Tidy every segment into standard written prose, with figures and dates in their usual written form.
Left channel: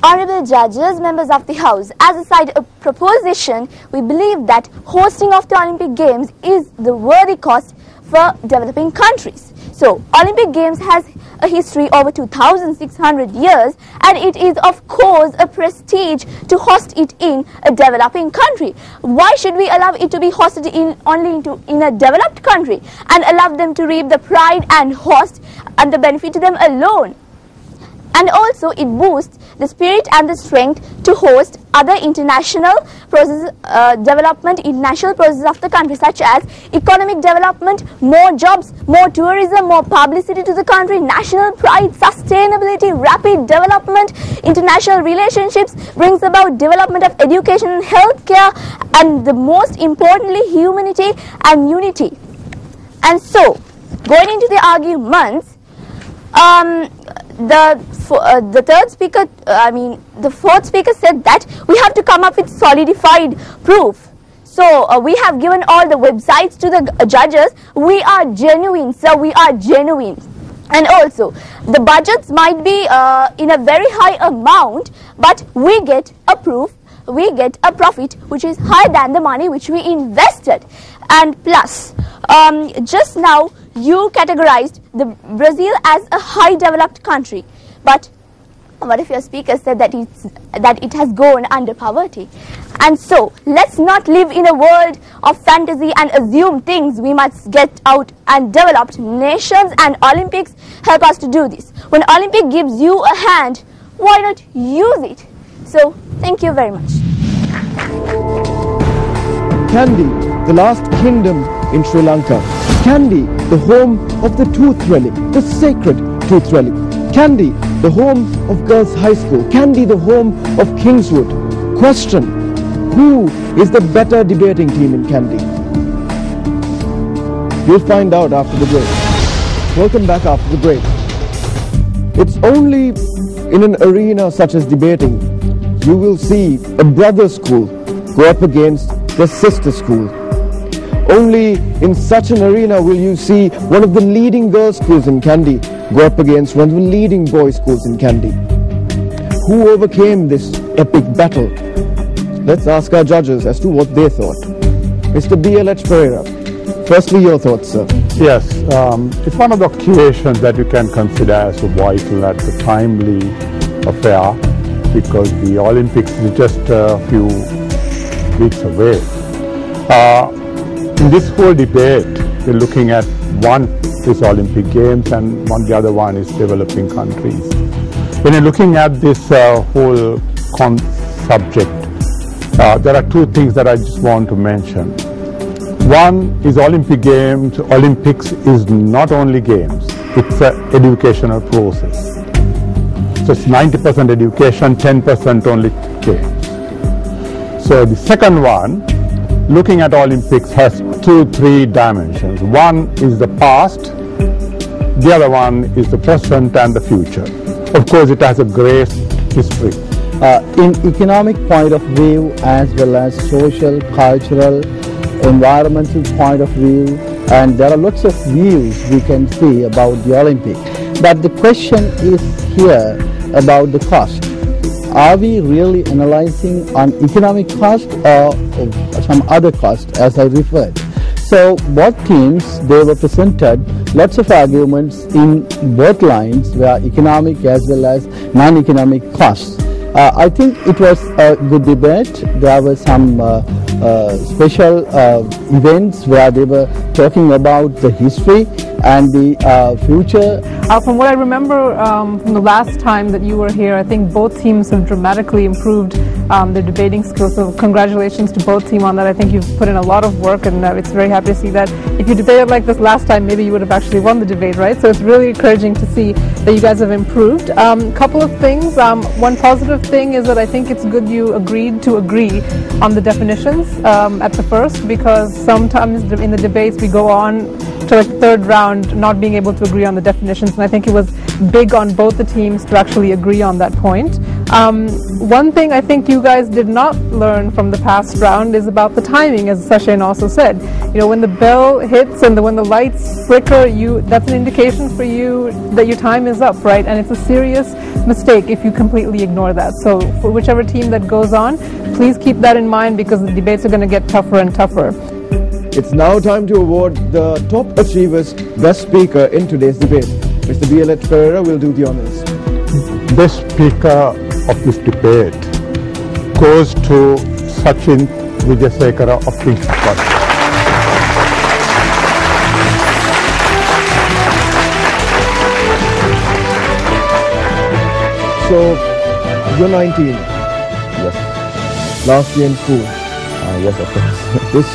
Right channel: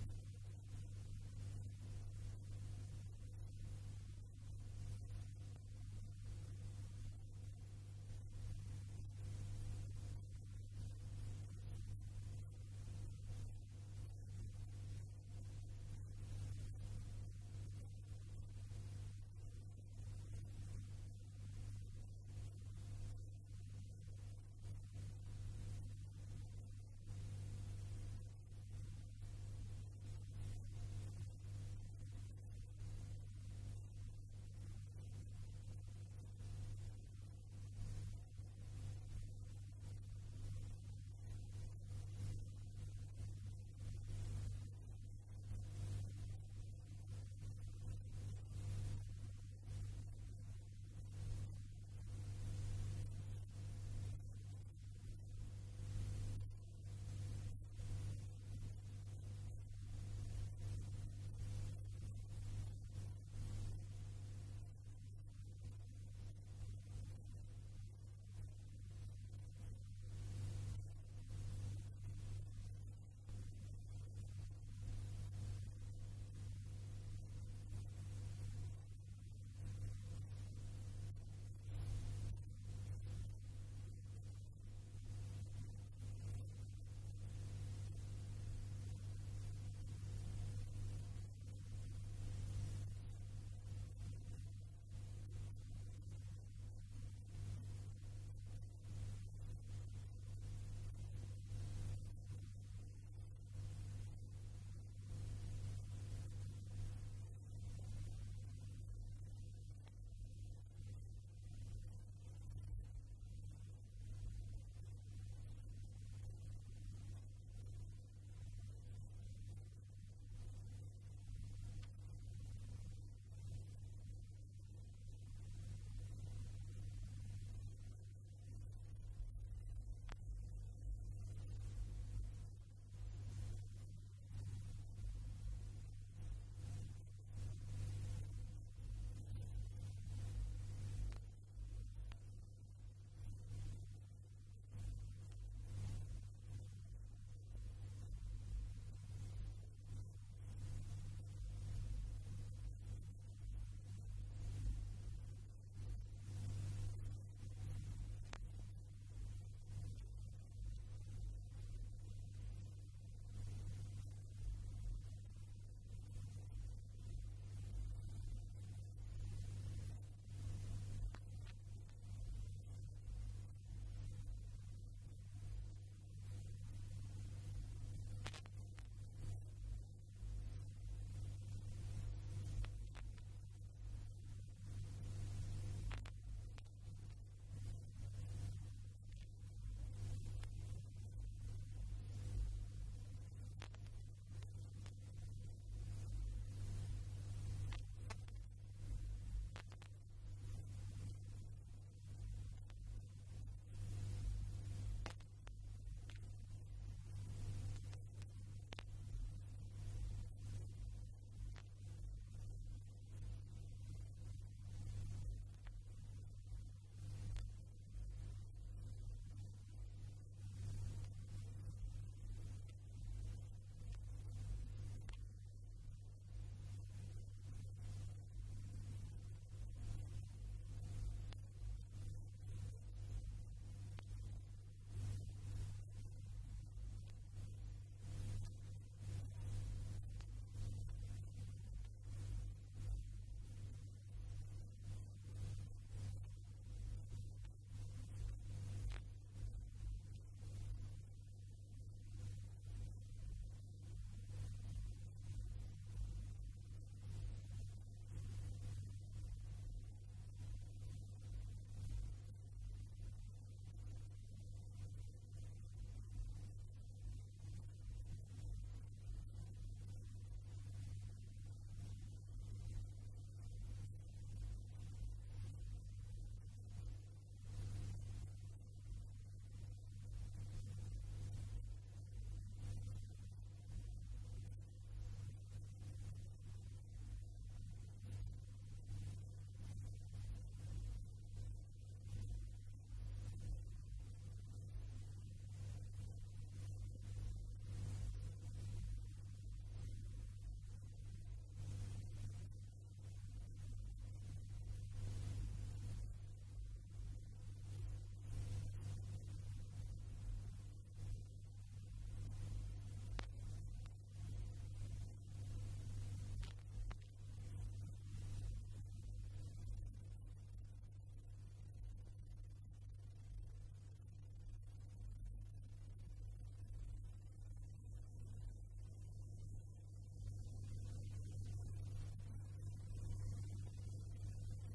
Honorable judges, members of the House, as a side proposition, we believe that hosting of the Olympic Games is the worthy cost for developing countries. So, Olympic Games has a history over 2,600 years, and it is of course a prestige to host it in a developing country. Why should we allow it to be hosted in a developed country and allow them to reap the pride and host and the benefit to them alone? And also it boosts the spirit and the strength to host other international processes, international processes of the country, such as economic development, more jobs, more tourism, more publicity to the country, national pride, sustainability, rapid development, international relationships, brings about development of education and healthcare, and the most importantly, humanity and unity. And so, going into the arguments, the fourth speaker said that we have to come up with solidified proof. So we have given all the websites to the judges. We are genuine, sir, we are genuine. And also, the budgets might be in a very high amount, but we get a proof, we get a profit which is higher than the money which we invested. And plus, just now you categorized Brazil as a high developed country, but what if your speaker said that it has gone under poverty? And so let's not live in a world of fantasy and assume things. We must get out and developed nations, and Olympics help us to do this. When Olympic gives you a hand, why not use it? So thank you very much. Kandy, the last kingdom in Sri Lanka. Kandy, the home of the tooth relic, the sacred tooth relic. Kandy, the home of Girls High School. Kandy, the home of Kingswood. Question, who is the better debating team in Kandy? We'll find out after the break. Welcome back after the break. It's only in an arena such as debating you will see a brother school go up against the sister school. Only in such an arena will you see one of the leading girls' schools in Kandy go up against one of the leading boys' schools in Kandy. Who overcame this epic battle? Let's ask our judges as to what they thought. Mr. B.L.H. Pereira, firstly your thoughts, sir. Yes, it's one of the occasions that you can consider as vital and a timely affair, because the Olympics is just a few weeks away. In this whole debate, we're looking at one is Olympic Games and the other one is developing countries. When you're looking at this whole subject, there are two things that I just want to mention. One is Olympic Games. Olympics is not only games, it's an educational process. So it's 90% education, 10% only games. So the second one, looking at Olympics, has three dimensions. One is the past, the other one is the present and the future. Of course, it has a great history. In economic point of view, as well as social, cultural, environmental point of view, and there are lots of views we can see about the Olympic. But the question is here about the cost. Are we really analyzing on economic cost or some other cost, as I referred? So both teams, they were presented lots of arguments in both lines, where economic as well as non-economic costs. I think it was a good debate. There were some special events where they were talking about the history and the future. From what I remember from the last time that you were here, I think both teams have dramatically improved their debating skills. So congratulations to both teams on that. I think you've put in a lot of work, and it's very happy to see that. If you debated like this last time, maybe you would have actually won the debate, right? So it's really encouraging to see that you guys have improved. Couple of things. One positive thing is that I think it's good you agreed to agree on the definitions at the first, because sometimes in the debates we go on to like the third round not being able to agree on the definitions, and I think it was big on both the teams to actually agree on that point. One thing I think you guys did not learn from the past round is about the timing, as Sachin also said. You know, when the bell hits and when the lights flicker, that's an indication for you that your time is up, right? And it's a serious mistake if you completely ignore that. So for whichever team that goes on, please keep that in mind, because the debates are going to get tougher and tougher. It's now time to award the top achievers Best Speaker in today's debate. Mr. B.L.H. Pereira will do the honors. Best Speaker of this debate goes to Sachin Wijayasekara of Kingswood College. So, you're 19. Yes. Last year in school. Yes, of course. This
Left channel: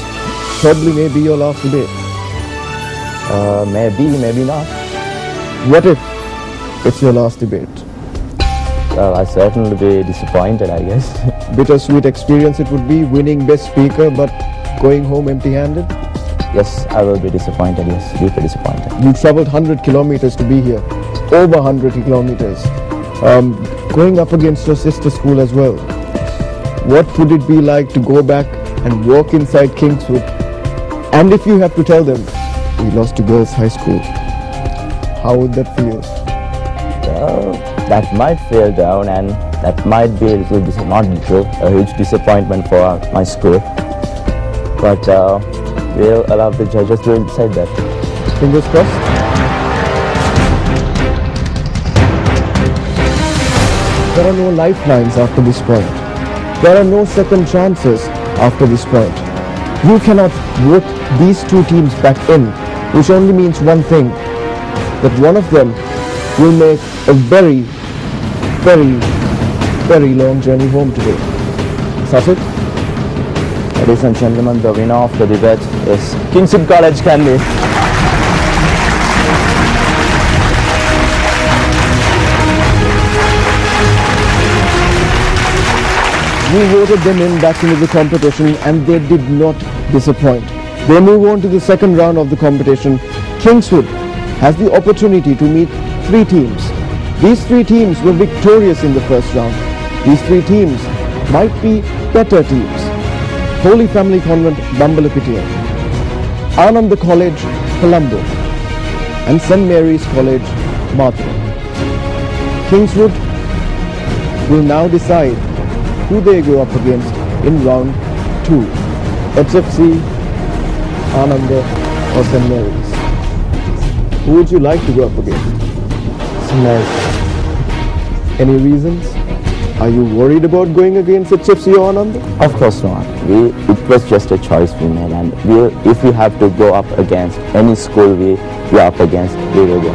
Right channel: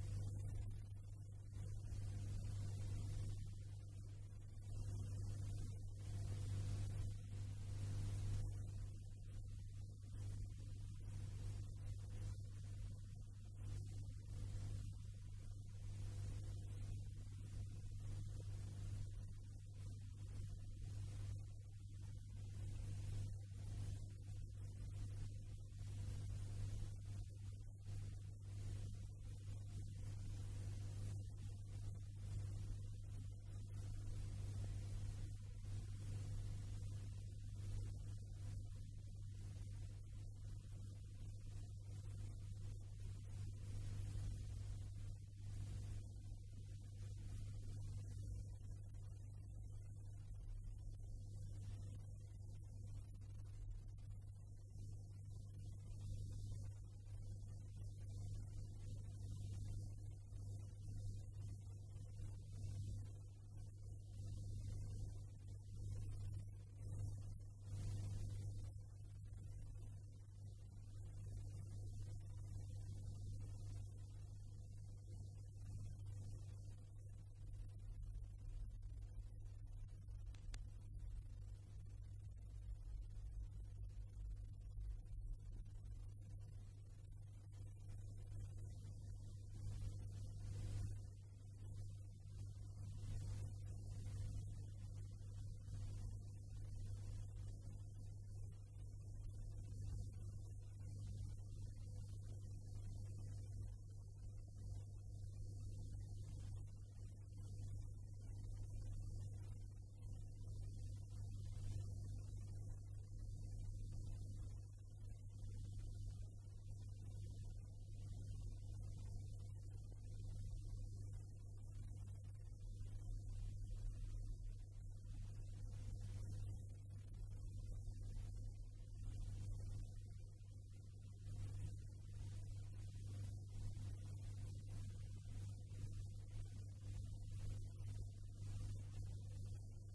probably may be your last debate. Maybe, maybe not. What if it's your last debate? Well, I certainly be disappointed, I guess. Bittersweet experience it would be, winning Best Speaker but going home empty-handed. Yes, I will be disappointed, yes, deeply disappointed. You traveled 100 kilometers to be here, over 100 kilometers, going up against your sister school as well. What would it be like to go back and walk inside Kingswood? And if you have to tell them, we lost to girls' high school, how would that feel? Well, that might feel down, and that might be a little, not little, a huge disappointment for my school. But we'll allow the judges to decide that. Fingers crossed. There are no lifelines after this point. There are no second chances after this point. You cannot vote these two teams back in, which only means one thing, that one of them will make a very, very, very long journey home today. Sachin? Ladies and gentlemen, the winner of the debate is Kingswood College, Kandy. We voted them in back into the competition and they did not disappoint. They move on to the second round of the competition. Kingswood has the opportunity to meet three teams. These three teams were victorious in the first round. These three teams might be better teams. Holy Family Convent, Bambalapitiya, Ananda College, Colombo, and St. Mary's College, Mathura. Kingswood will now decide who they go up against in round 2. HFC, Ananda, or St. Mary's. Who would you like to go up against? St. Mary's. Any reasons? Are you worried about going against HFC or Ananda? Of course not. It was just a choice we made, and if we have to go up against any school we are up against, we will go.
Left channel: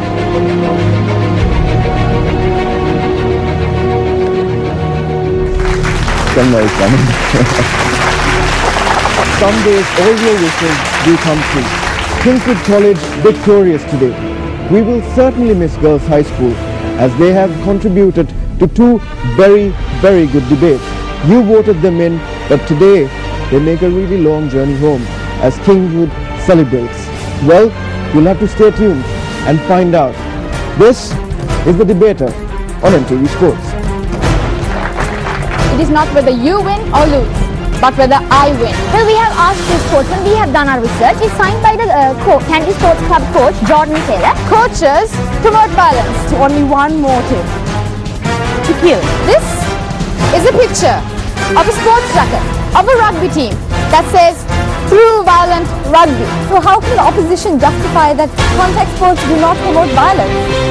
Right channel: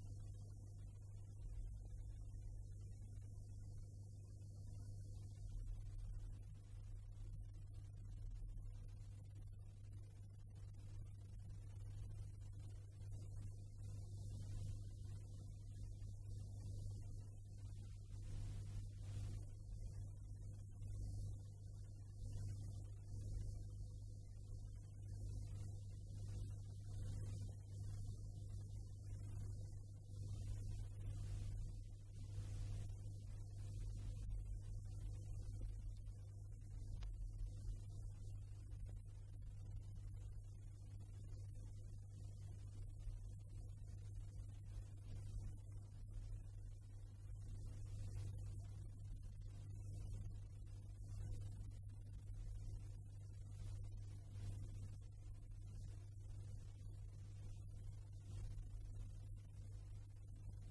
Some days all your wishes do come true. Kingswood College victorious today. We will certainly miss Girls High School as they have contributed to two very, very good debates. You voted them in, but today they make a really long journey home as Kingswood celebrates. Well, you'll have to stay tuned and find out. This is The Debater on NTV Sports. It is not whether you win or lose, but whether I win. Well, we have asked the sportsmen, we have done our research. It's signed by the Kandy Sports Club coach, Jordan Taylor. Coaches promote violence to only one motive: to kill. This is a picture of a sports racket of a rugby team that says through violent rugby. So how can the opposition justify that contact sports do not promote violence?